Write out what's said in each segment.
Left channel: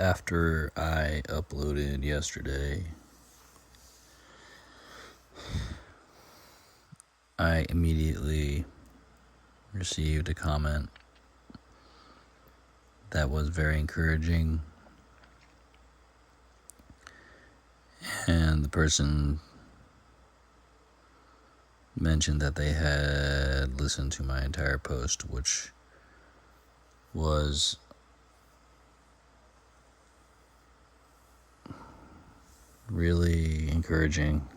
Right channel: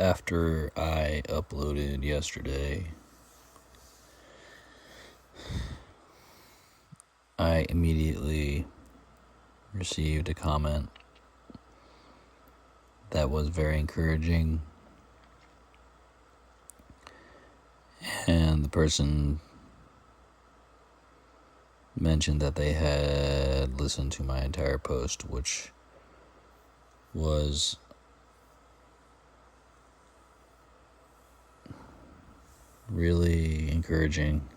After I uploaded yesterday, I immediately received a comment that was very encouraging, and the person mentioned that they had listened to my entire post, which was really encouraging.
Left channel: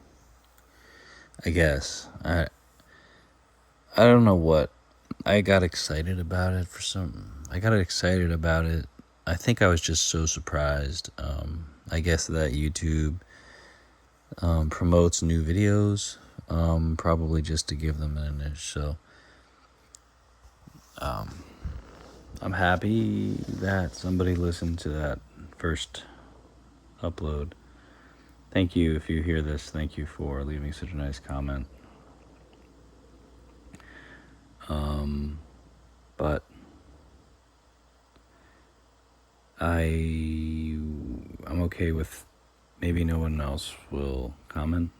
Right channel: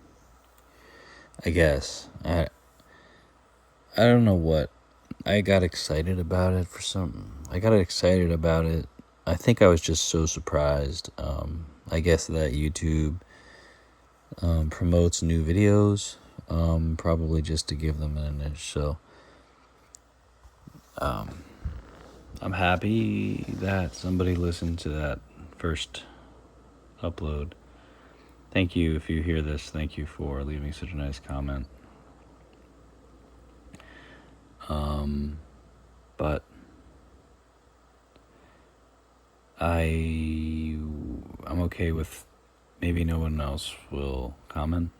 I guess I don't know what I got excited about it I think I was just so surprised. I guess that YouTube promotes new videos, probably just to give them an image. So I'm happy that somebody listened to that first upload. Thank you if you hear this. Thank you for leaving such a nice comment. But I'm okay with maybe no one else will comment.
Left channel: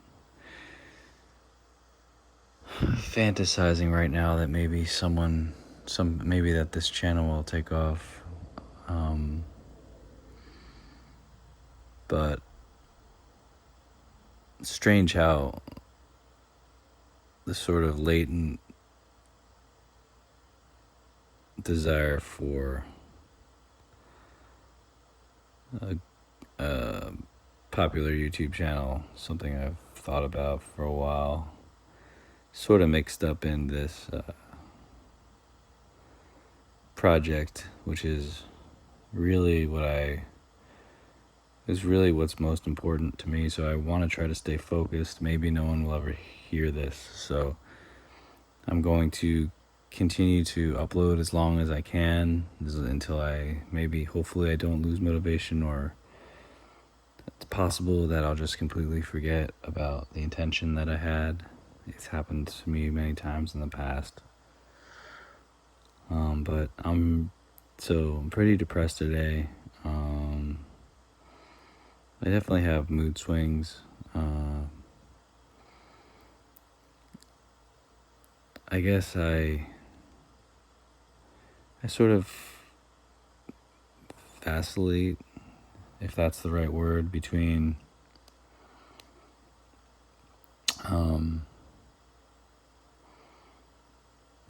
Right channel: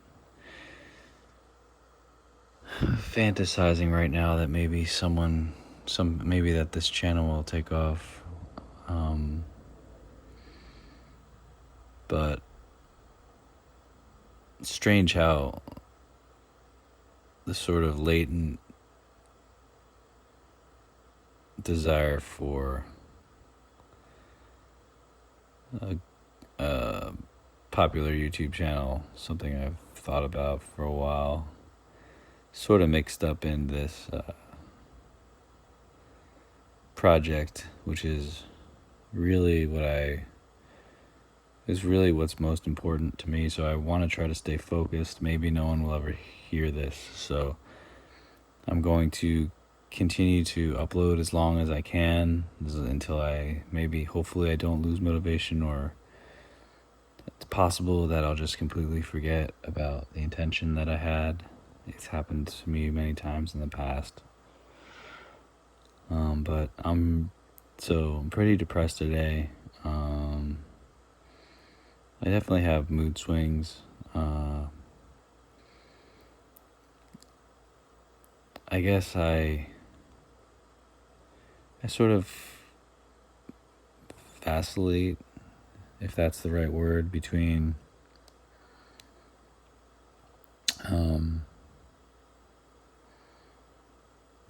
Fantasizing right now that maybe maybe that this channel will take off. But it's strange how the sort of latent desire for a popular YouTube channel, something I've thought about for a while, sort of mixed up in this project, which is really what's most important to me. So I want to try to stay focused. Maybe no one will ever hear this, so I'm going to continue to upload as long as I can until hopefully I don't lose motivation, or it's possible that I'll just completely forget about the intention that I had. It's happened to me many times in the past. But I'm pretty depressed today. I definitely have mood swings. I guess I sort of vacillate, if that's the right word, between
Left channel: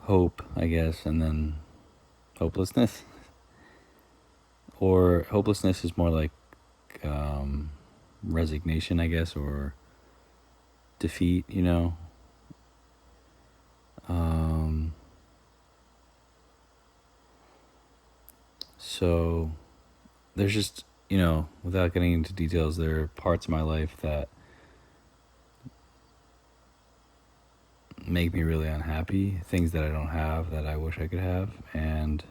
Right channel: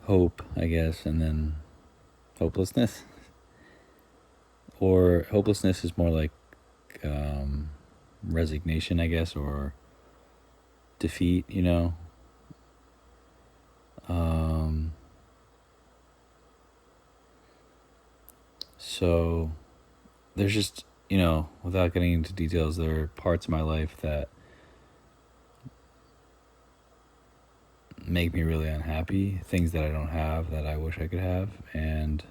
hope, I guess, and then hopelessness. Or hopelessness is more like resignation, I guess, or defeat, So there's just, without getting into details, there are parts of my life that make me really unhappy, things that I don't have that I wish I could have, and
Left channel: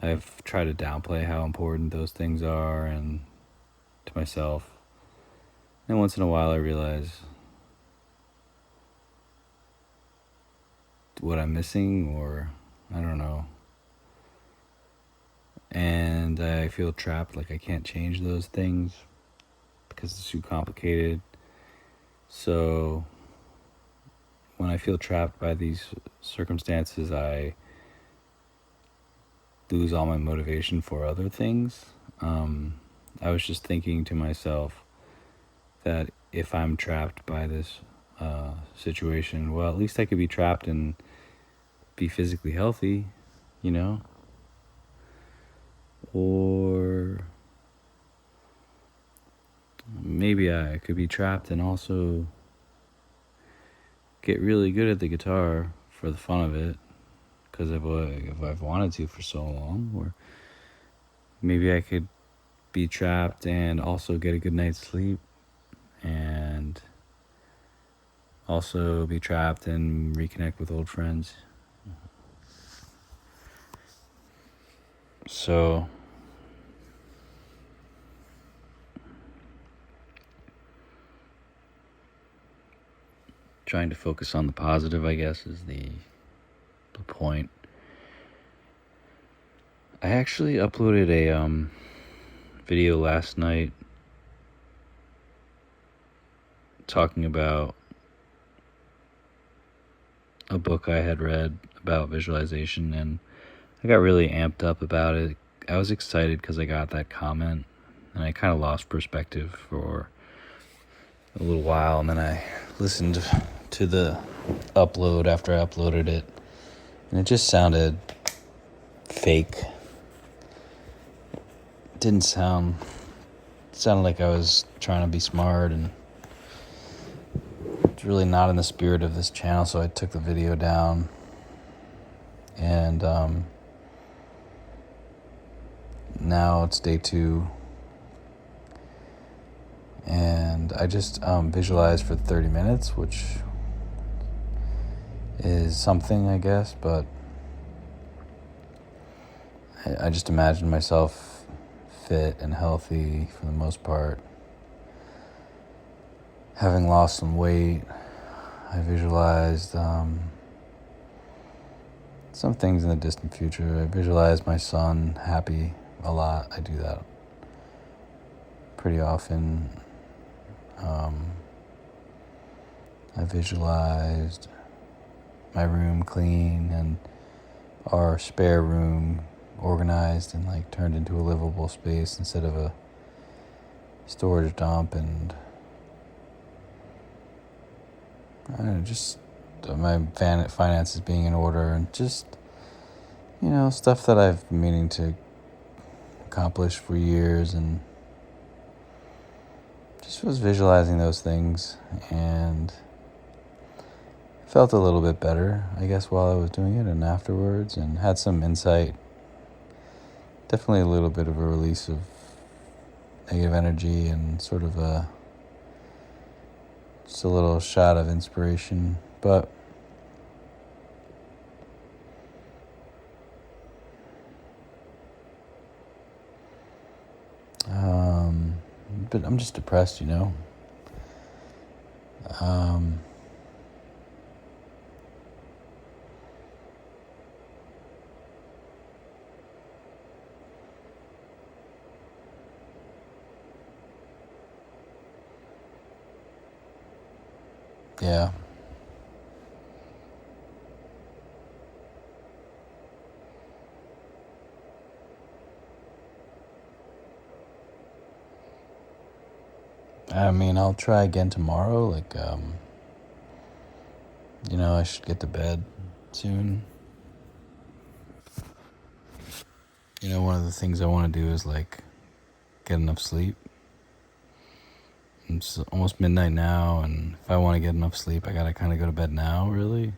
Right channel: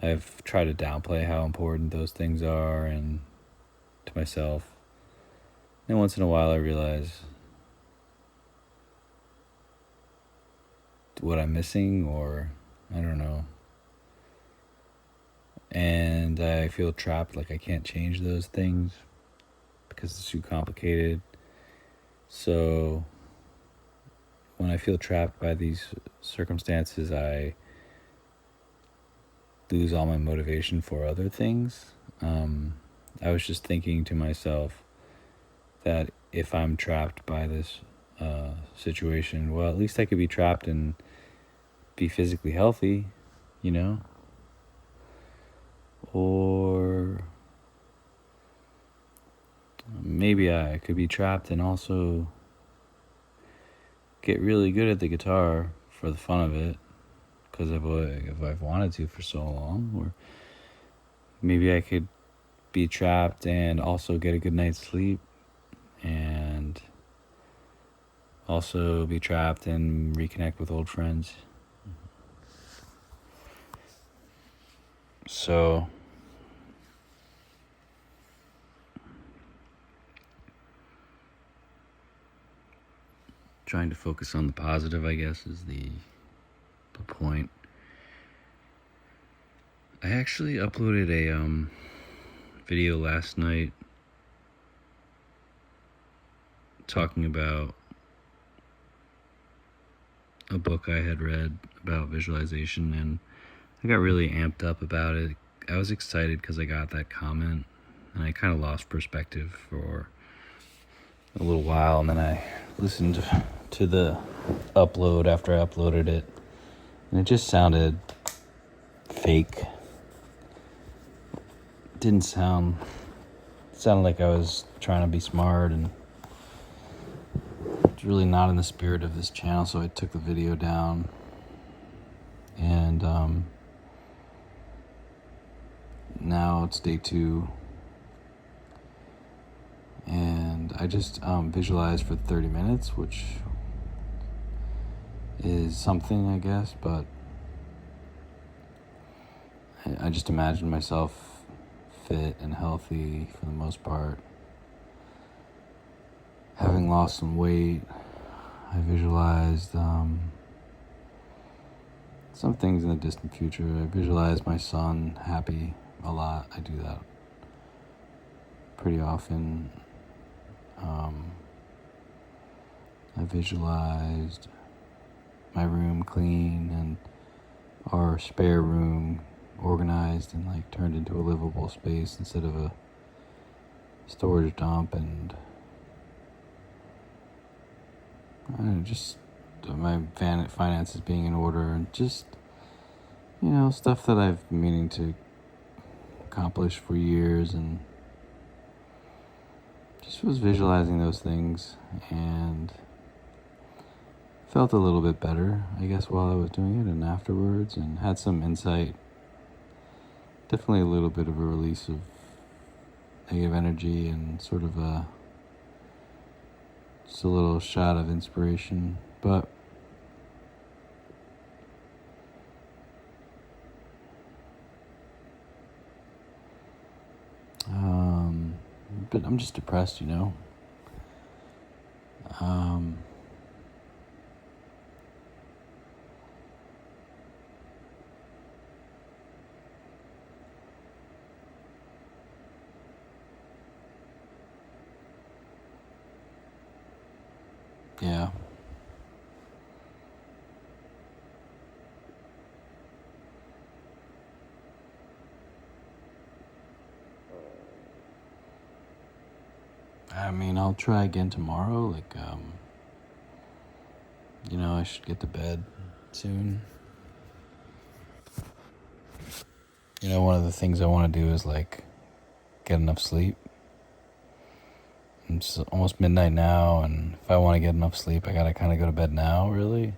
I've tried to downplay how important those things are and to myself. And once in a while I realize what I'm missing, or I don't know. And I feel trapped, like I can't change those things because it's too complicated. So when I feel trapped by these circumstances, I lose all my motivation for other things. I was just thinking to myself that if I'm trapped by this situation, well, at least I could be trapped and be physically healthy, or maybe I could be trapped and also get really good at the guitar for the fun of it, because if I've wanted to for so long. Or maybe I could be trapped and also get a good night's sleep, and also be trapped and reconnect with old friends. So trying to focus on the positive, I guess, is the point. I actually uploaded a video last night talking about a book I had read about visualization, and I got really amped up about it. I was excited because I got that comment, and I kind of lost perspective for a little while, and then I listened to the upload after I uploaded it, and it just sounded fake. It didn't sound... It sounded like I was trying to be smart, and it's really not in the spirit of this channel, so I took the video down. And now it's day 2, and I just visualized for 30 minutes, which is something, I guess, but I just imagined myself fit and healthy for the most part. Having lost some weight, I visualized some things in the distant future. I visualized my son happy a lot. I do that pretty often. I visualized my room clean and our spare room organized and like turned into a livable space instead of a storage dump, and just my finances being in order, and just, stuff that I've been meaning to accomplish for years, and just was visualizing those things and felt a little bit better, I guess, while I was doing it and afterwards, and had some insight. Definitely a little bit of a release of negative energy and sort of just a little shot of inspiration. But I'm just depressed, Yeah. I mean, I'll try again tomorrow. I should get to bed soon. One of the things I want to do is get enough sleep. It's almost midnight now, and if I want to get enough sleep, I gotta kind of go to bed now, really.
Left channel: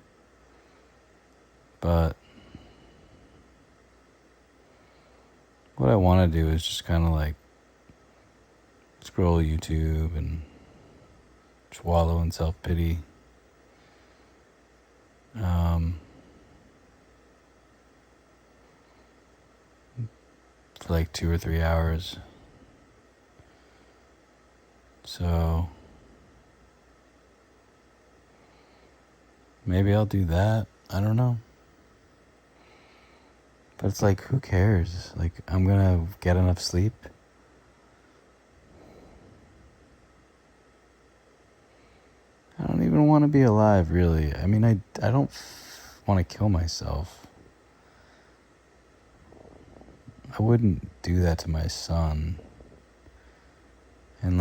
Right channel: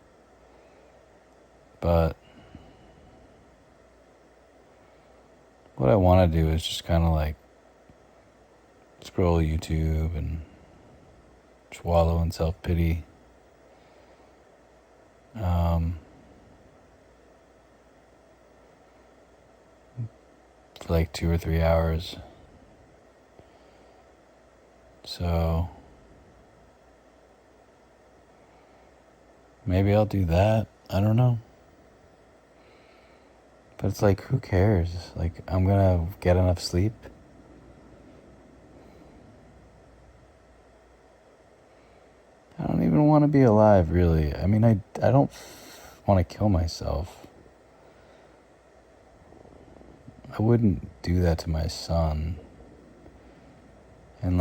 But what I want to do is just kind of scroll YouTube and just wallow in self-pity. For 2 or 3 hours. So maybe I'll do that. I don't know. But it's who cares? I'm gonna get enough sleep. I don't even want to be alive, really. I mean, I don't want to kill myself. I wouldn't do that to my son. And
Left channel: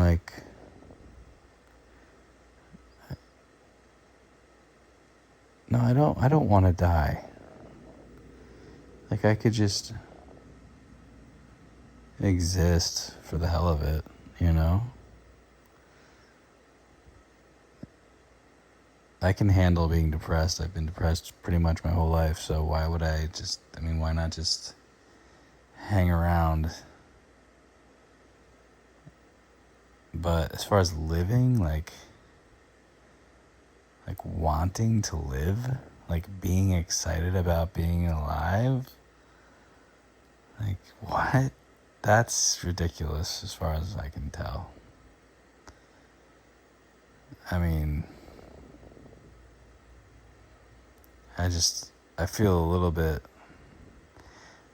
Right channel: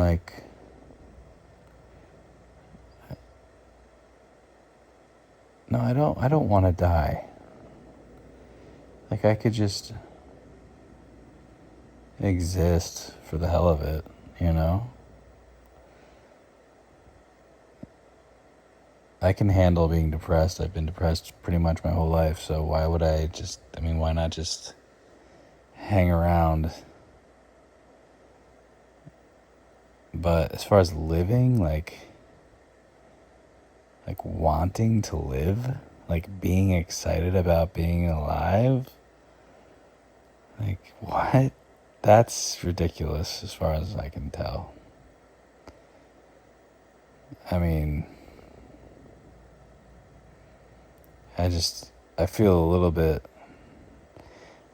no, I don't want to die. I could just exist for the hell of it, I can handle being depressed. I've been depressed pretty much my whole life, so why would why not just hang around? But as far as living, wanting to live, being excited about being alive, what? That's ridiculous as far as I can tell. I mean, I feel a little bit,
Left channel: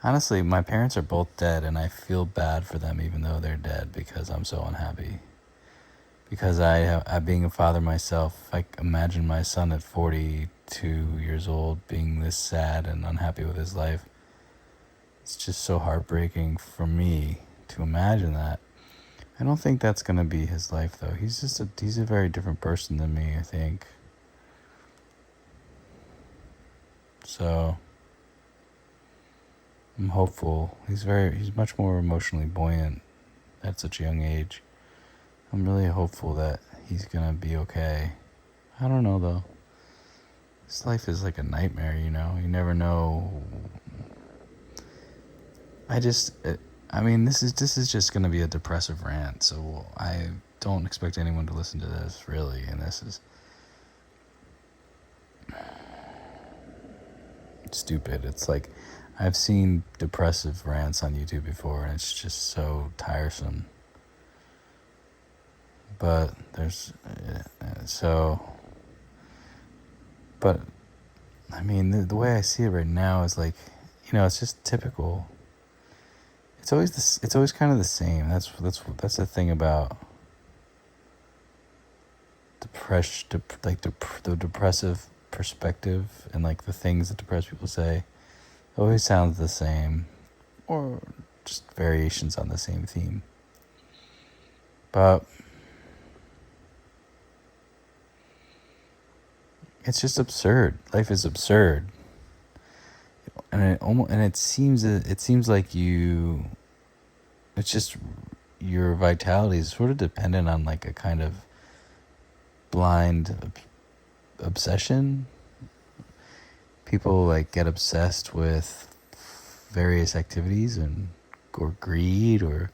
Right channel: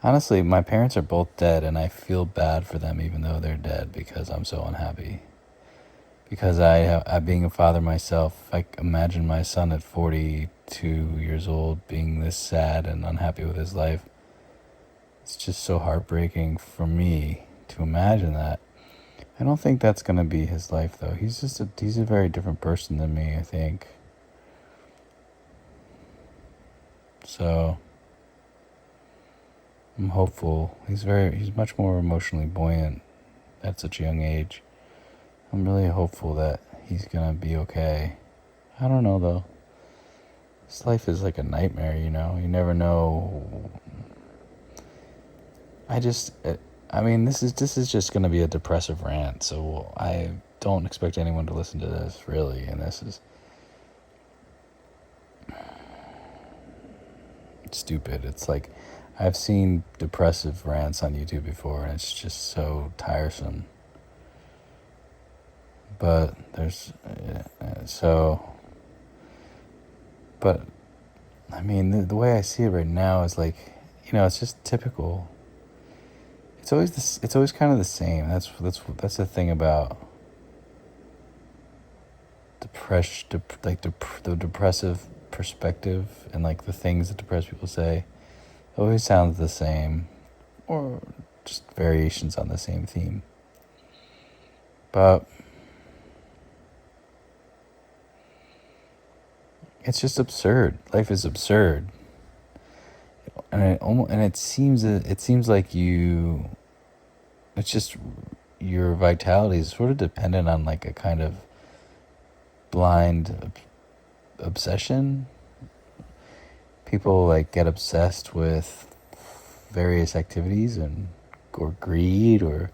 Honestly, my parents are both dead, and I feel bad for them even though they're dead because I'm so unhappy. Because I being a father myself, I imagine my son at 42 years old being this sad and unhappy with his life. It's just so heartbreaking for me to imagine that. I don't think that's going to be his life, though. He's a very different person than me, I think. So I'm hopeful. He's much more emotionally buoyant at such a young age. I'm really hopeful that he's gonna be okay. I don't know though. This life is like a nightmare, you know. You never know. I mean, this is just gonna be a depressive rant. So I don't expect anyone to listen to this really. And this is stupid. It's like I've seen depressive rants on YouTube before, and it's just so tiresome. But there's so, but I mean, the way I see it right now is like, it's just typical. It's always kind of the same. That's the thing about the depressive perspective and like the things that depressed people say. It always sounds the same, or just variations on the same theme. But it's just absurd. Life is absurd, and it seems like it's just your vitality is sort of dependent on like a kind of blind obsession. People like get obsessed with various activities or greed or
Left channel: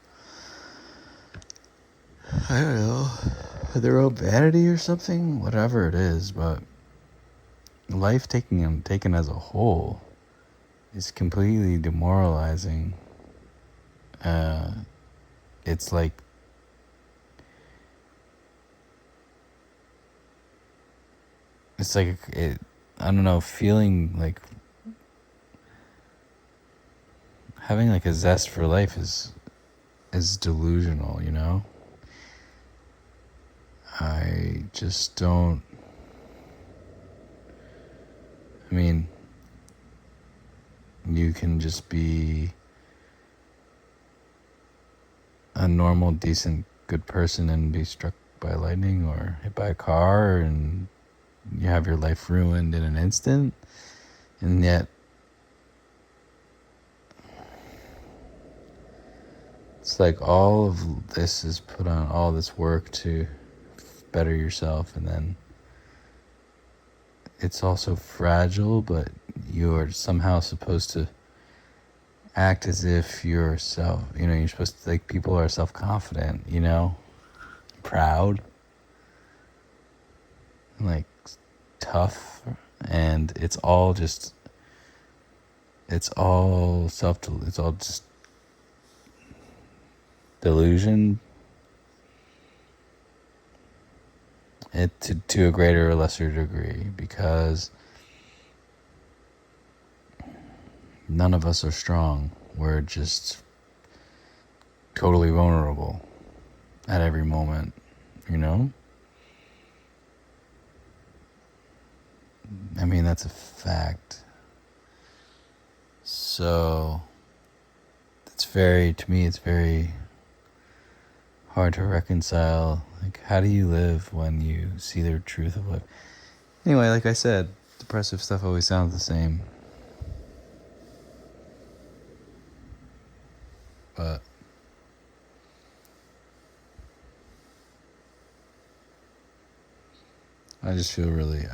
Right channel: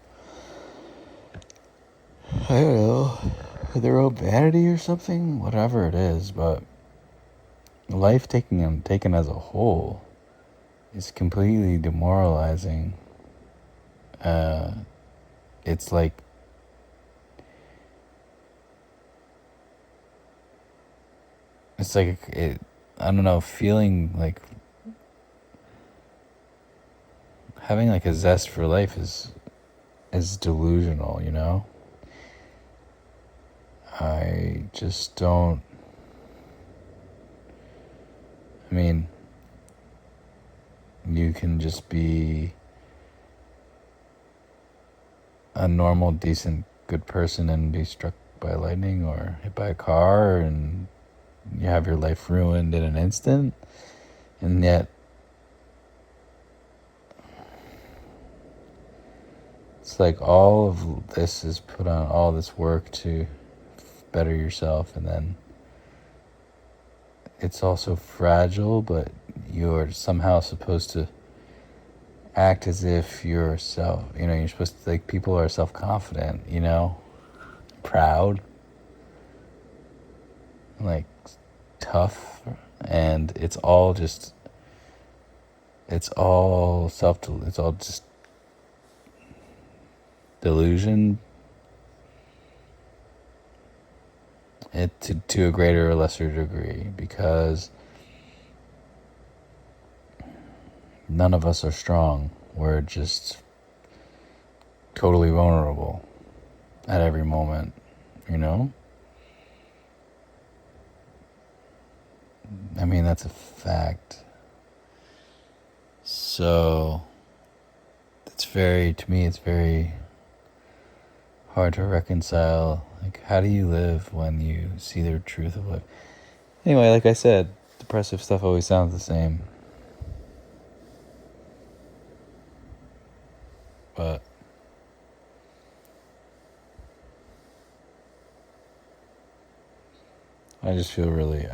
I don't know, their own vanity or something, whatever it is. But life taken as a whole is completely demoralizing. It's like I don't know, feeling like having like a zest for life is delusional, you know? I just don't. I mean, you can just be a normal, decent, good person and be struck by lightning or hit by a car and you have your life ruined in an instant. And yet, it's like all of this is put on, all this work to better yourself, and then it's also fragile, but you're somehow supposed to act as if you're you're supposed to think people are self-confident, proud, like tough, and it's all just delusion. It to a greater or lesser degree, because none of us are strong. We're just totally vulnerable at every moment, I mean, that's a fact. So to me, it's very hard to reconcile. Like, how do you live when you see the truth of it? Anyway, like I said, depressive stuff always sounds the same. But I feel really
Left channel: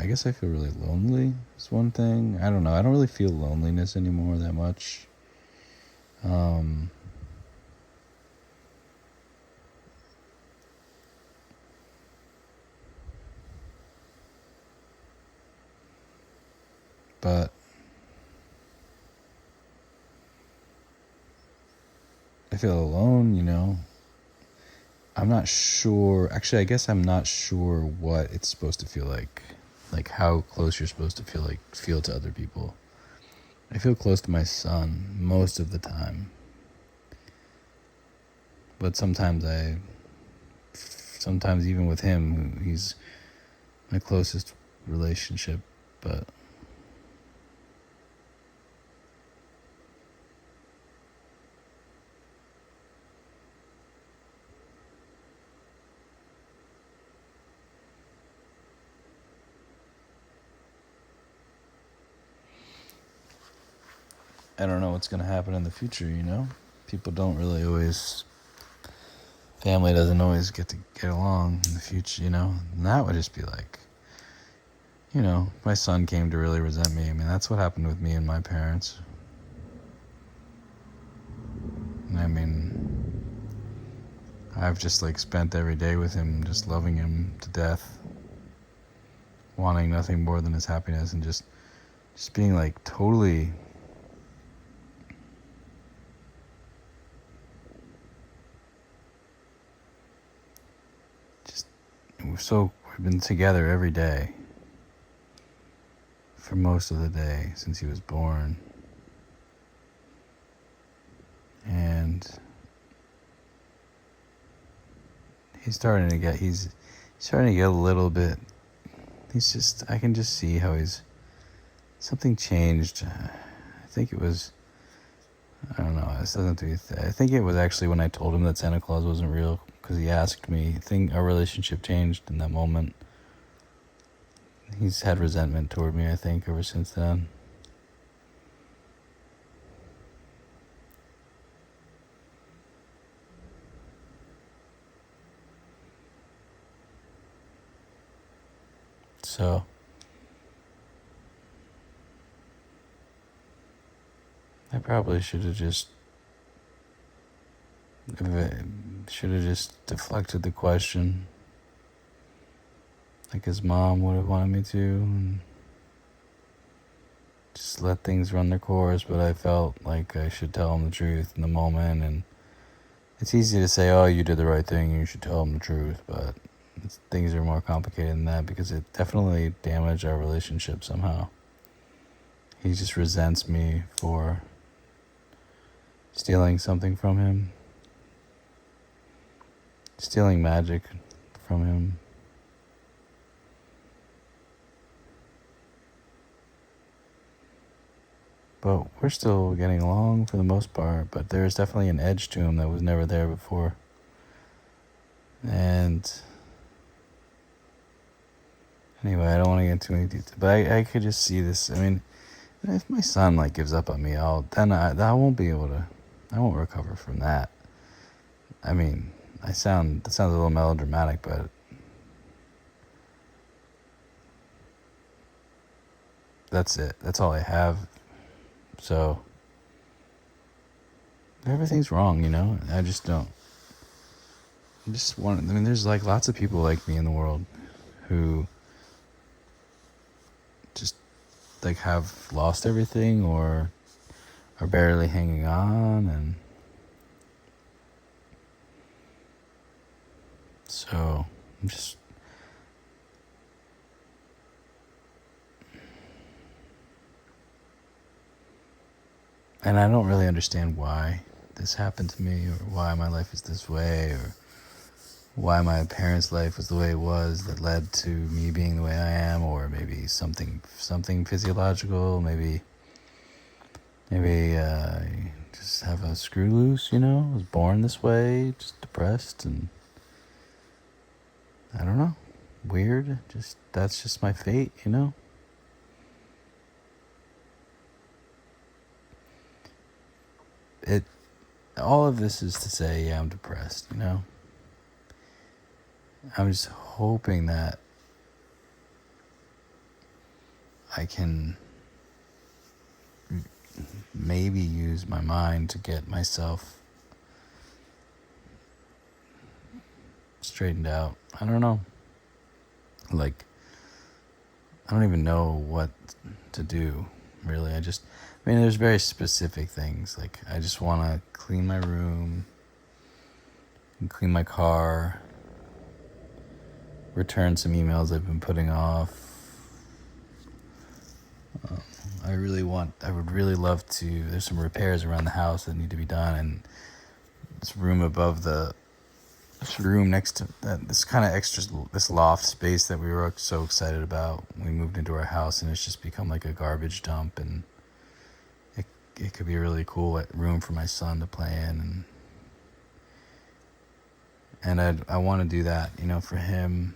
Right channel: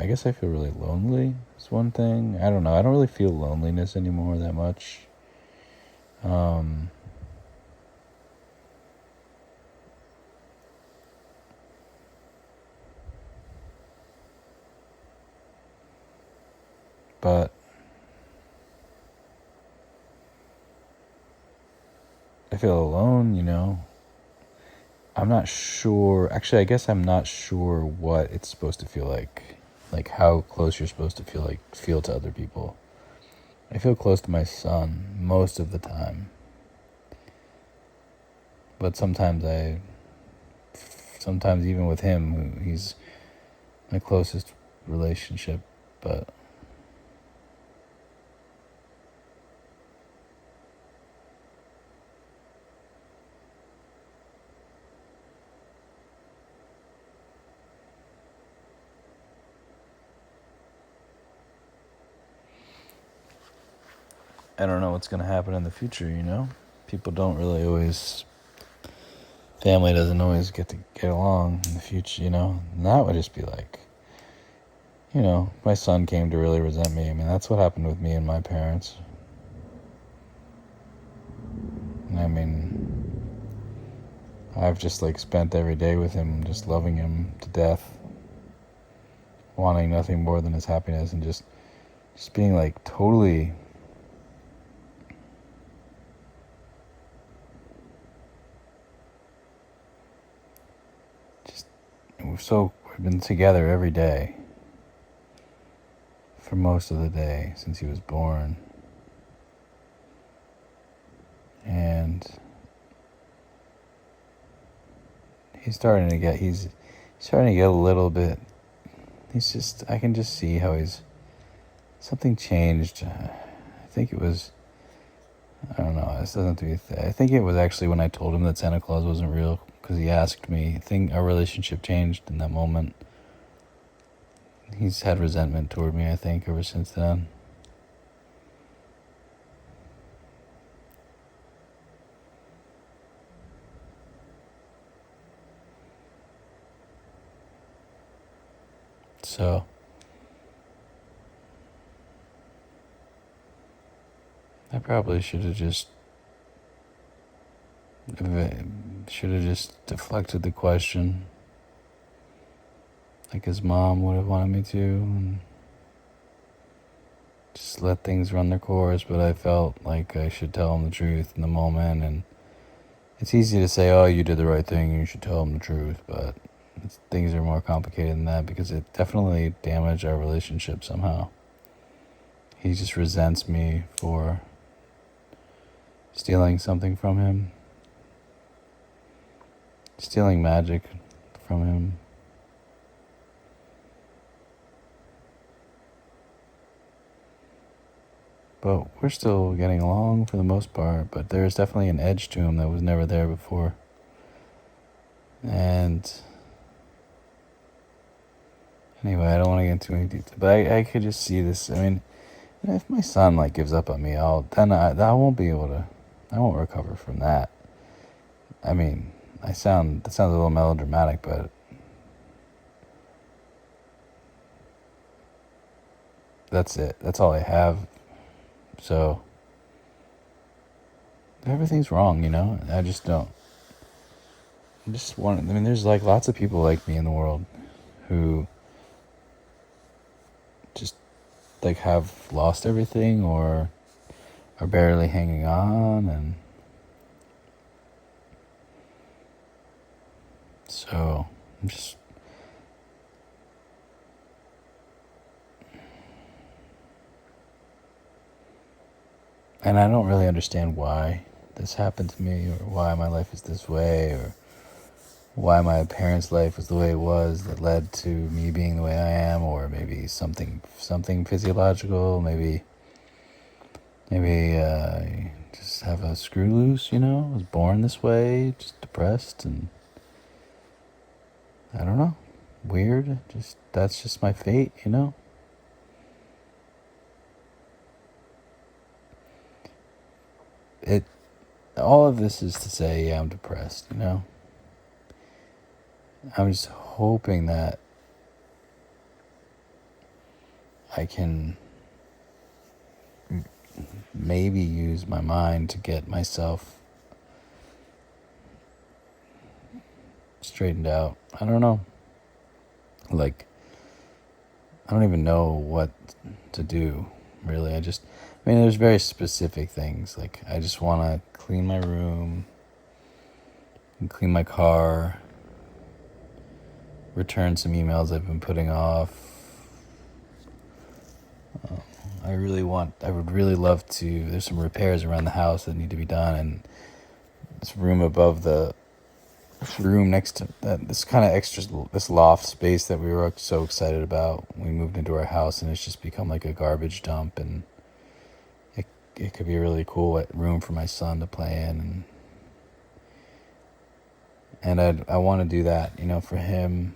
lonely is one thing. I don't know. I don't really feel loneliness anymore that much. But I feel alone, I'm not sure. Actually, I guess I'm not sure what it's supposed to feel like how close you're supposed to feel to other people. I feel close to my son most of the time. But sometimes even with him, he's my closest relationship, but I don't know what's going to happen in the future, you know? People don't really always, family doesn't always get to get along in the future, you know? And that would just be like, you know, my son came to really resent me. I mean, that's what happened with me and my parents. And I mean, I've just like spent every day with him, just loving him to death, wanting nothing more than his happiness, and just being like totally we've been together every day for most of the day since he was born. And he's starting to get a little bit, I can just see how something changed. I think it was, I don't know, this doesn't do I think it was actually when I told him that Santa Claus wasn't real, because he asked me. I think our relationship changed in that moment. He's had resentment toward me, I think, ever since then. So I probably should have just deflected the question, like his mom would have wanted me to, and just let things run their course. But I felt like I should tell him the truth in the moment, and it's easy to say, oh, you did the right thing, you should tell him the truth, but things are more complicated than that, because it definitely damaged our relationship somehow. He just resents me for stealing something from him, stealing magic from him. But we're still getting along for the most part, but there's definitely an edge to him that was never there before. And anyway, I don't want to get into any detail, but I could just see this. I mean, if my son like gives up on me, I won't recover from that. I mean, that sounds a little melodramatic, but that's it. That's all I have. So everything's wrong, you know? I just don't. There's like lots of people like me in the world who just like have lost everything or are barely hanging on, and so I'm just and I don't really understand why this happened to me, or why my life is this way, or why my parents' life was the way it was that led to me being the way I am, or maybe something physiological, maybe I just have a screw loose, you know? I was born this way, just depressed, and I don't know, weird. That's just my fate, you know? All of this is to say, yeah, I'm depressed, you know? I'm just hoping that I can maybe use my mind to get myself straightened out. I don't know. Like, I don't even know what to do, really. There's very specific things. Like, I just want to clean my room, and clean my car, return some emails I've been putting off. I would really love to, there's some repairs around the house that need to be done, and this room above this room next to that, this kind of extra, this loft space that we were so excited about when we moved into our house, and it's just become like a garbage dump, and it could be a really cool room for my son to play in, and I want to do that, for him.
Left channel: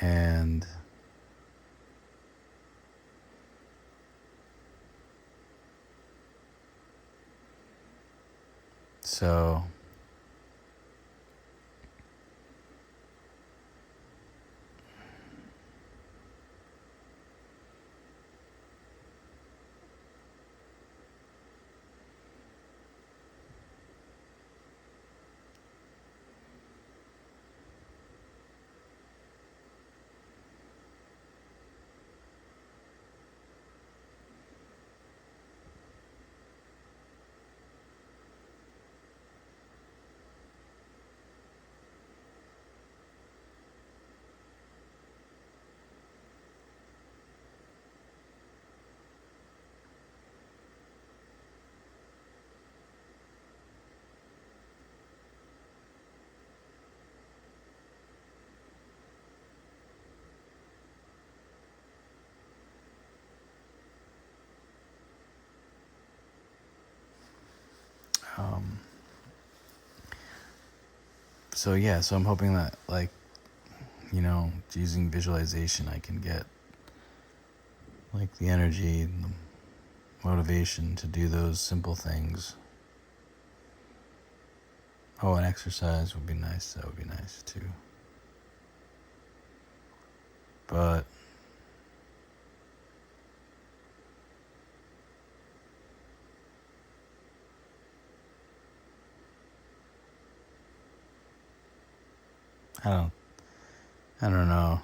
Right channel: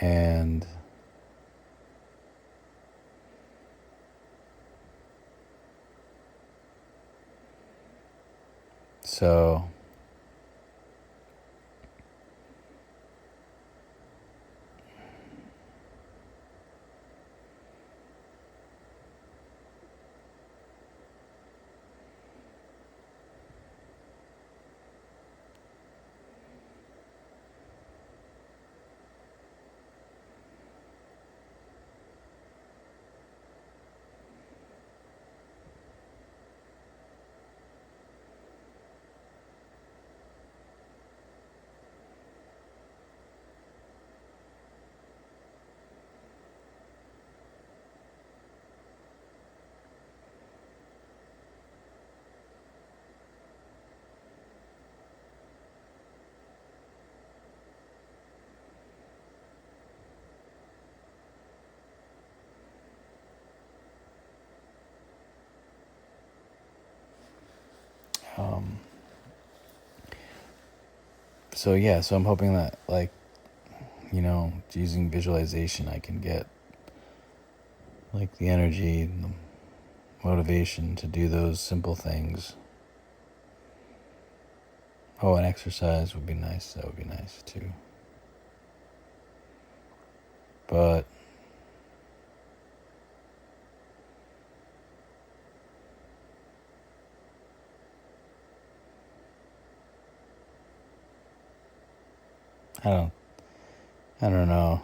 And so so I'm hoping that, like, using visualization, I can get like the energy and the motivation to do those simple things. Oh, and exercise would be nice. That would be nice too. But I don't know.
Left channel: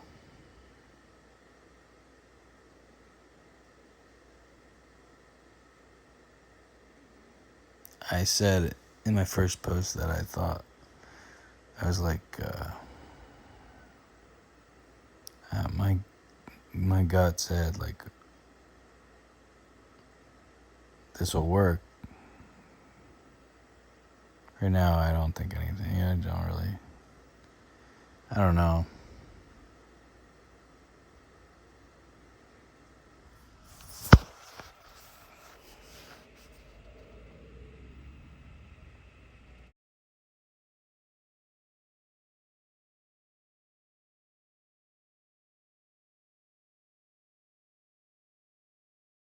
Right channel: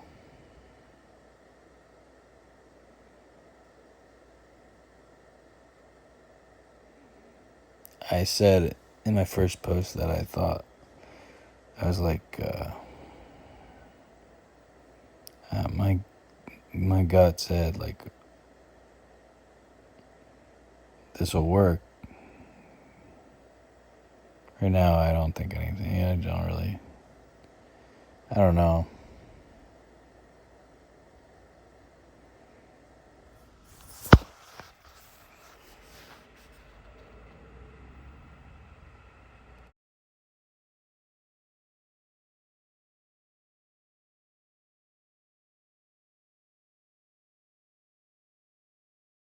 I said in my first post that I thought, I was like, my gut said, like, this will work. Right now, I don't think anything. I don't know.